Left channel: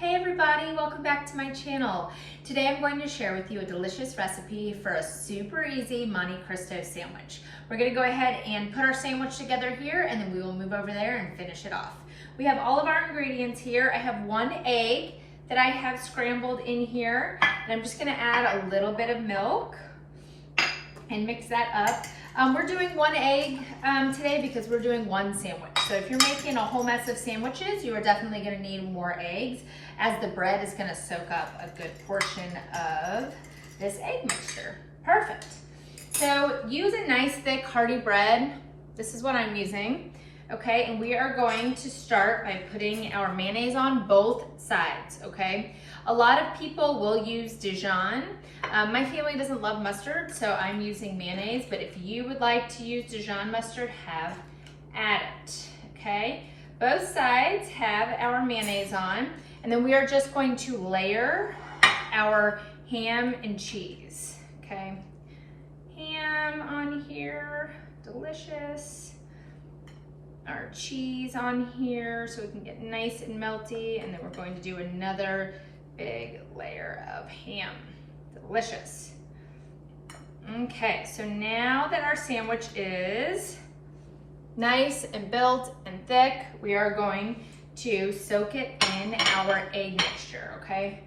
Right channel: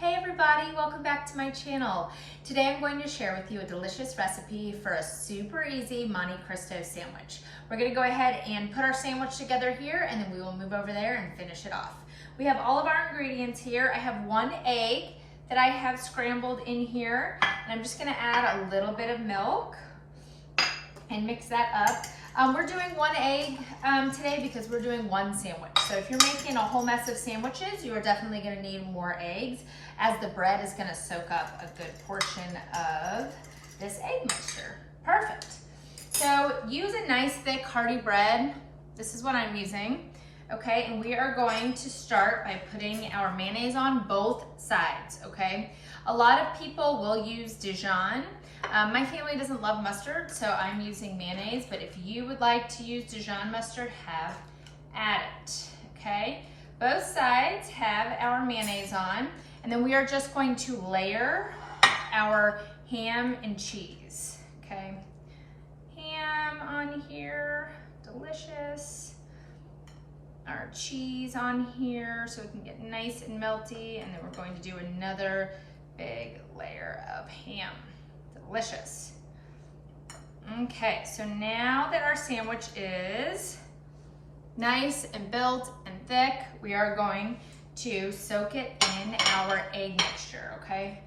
Hey everybody, welcome back to my channel. Today I'm going to share with you a delicious recipe for a super easy Monte Cristo sandwich. We're going to go ahead and put our sandwich together here and then we will move over there and finish it off. We have all of our ingredients here. I have 1 egg that I have scrambled in here, and I'm just going to add a little bit of milk and mix that up. We're doing 1 egg today because we're doing 1 sandwich. So if you're making a whole mess of sandwiches, you are definitely going to need more eggs, as the bread is going to soak up a good portion of this egg mixture. Perfect. So use a nice thick hearty bread. This is what I'm using. Okay, and we are going to start by putting our mayonnaise on both sides, okay? A lot of people will use Dijon. My family doesn't love mustard, so I'm using mayonnaise, but if you would like to use Dijon mustard, have at it, okay? Both sides have our mayonnaise on, and then we are just going to layer our ham and cheese, okay? Ham on here, delicious. Our cheese on here so we can get nice and melty, and then we're going to do another big layer of ham. Delicious. Okay, so now that our sandwich is nice and built and thick, we are going to soak it in our egg mixture, okay?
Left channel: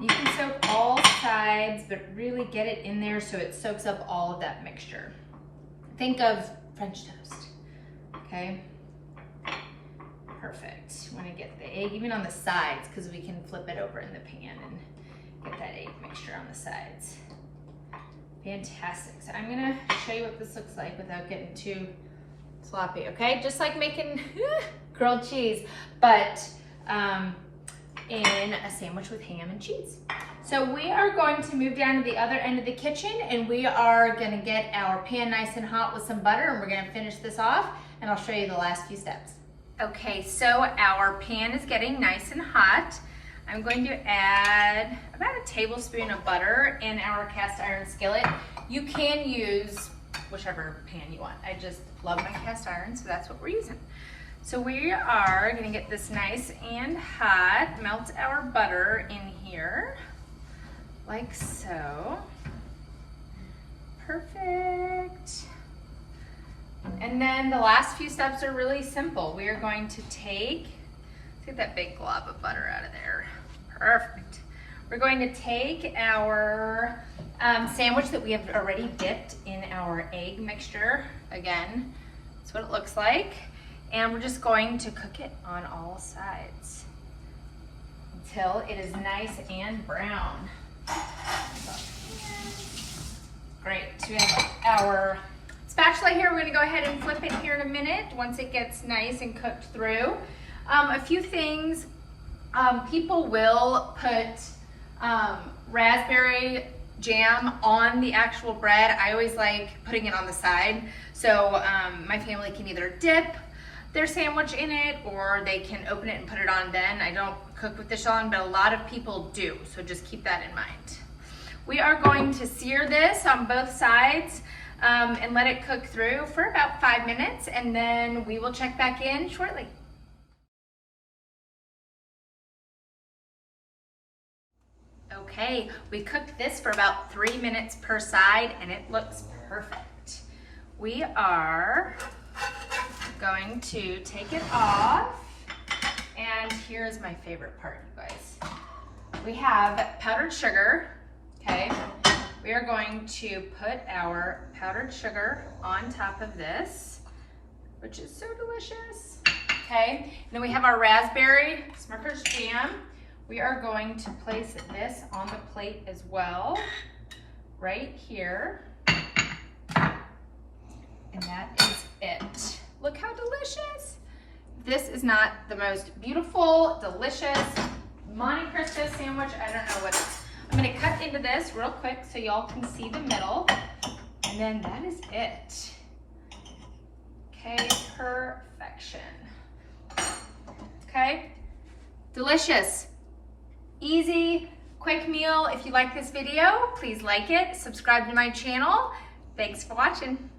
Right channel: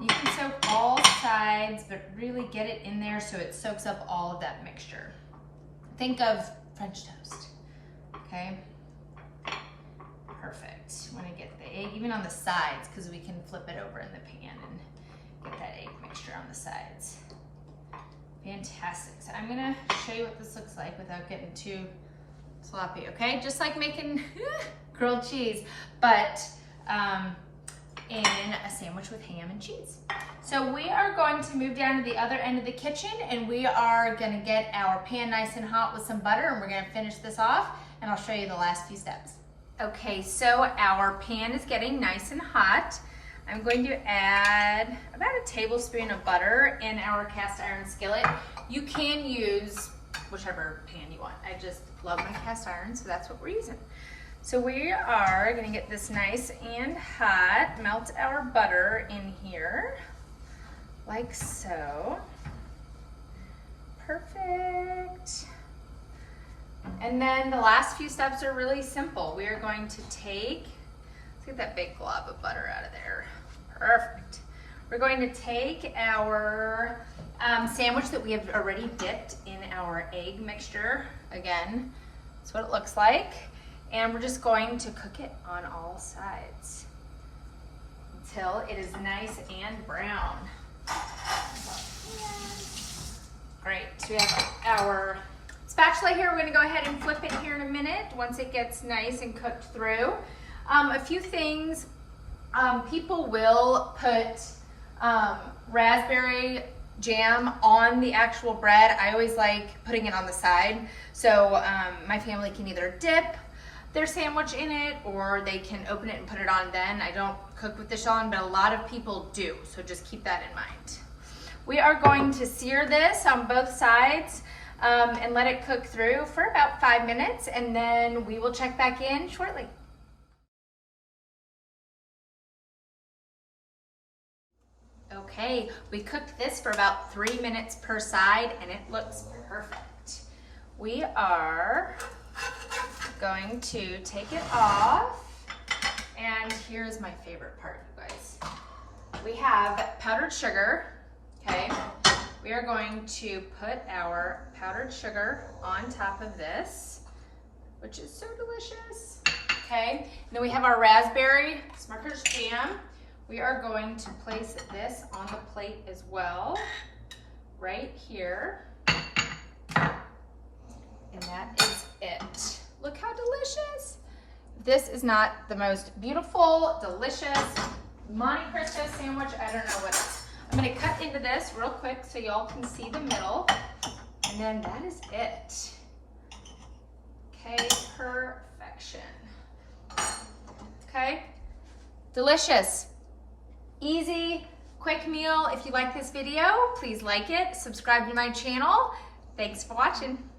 You can soak all sides, but really get it in there so it soaks up all of that mixture. Think of French toast, okay? Perfect. You want to get the egg even on the sides because we can flip it over in the pan and get that egg mixture on the sides. Fantastic. So I'm going to show you what this looks like without getting too sloppy, okay? Just like making grilled cheese, but in a sandwich with ham and cheese. So we are going to move down to the other end of the kitchen, and we are going to get our pan nice and hot with some butter, and we're going to finish this off, and I'll show you the last few steps. Okay, so our pan is getting nice and hot. I'm going to add about a tablespoon of butter in our cast iron skillet. You can use whichever pan you want. I just love my cast iron, so that's what we're using. So we are gonna get this nice and hot, melt our butter in here, like so. Perfect. And then the last few steps are really simple. We are going to let's get that big glob of butter out of there. Perfect. We're going to take our sandwich that we have already dipped in our egg mixture. Again, that's what it looks like. And we're just going to cook it on all sides until it is nice and brown. Great. So we have our spatula here. We're going to go ahead and flip it here in a minute once it gets nice and cooked through. A few things, people will put raspberry jam on the actual bread. I always like putting it on the side. So my family can either dip their sandwich in it or they can open it and put it on then. I don't cook with this on, but a lot of people do. So just keep that in mind. We are going to sear this on both sides and let it cook through for about 5 minutes, and then we will check back in shortly. Okay, we cooked this for about 3 minutes per side and it looks perfect. We are going to take it off, and here's my favorite part, you guys. We have powdered sugar, okay? We are going to put our powdered sugar on top of this, which is so delicious, okay? And then we have our raspberry Smucker's jam. We are going to place this on the plate as well, right here. And that is it. Look how delicious. This is not the most beautiful, delicious Monte Cristo sandwich. I don't know what it is. I'm gonna cut into this real quick so y'all can see the middle. And then that is it. Okay, perfection. Okay, delicious. Easy, quick meal. If you like this video, please like it, subscribe to my channel. Thanks for watching.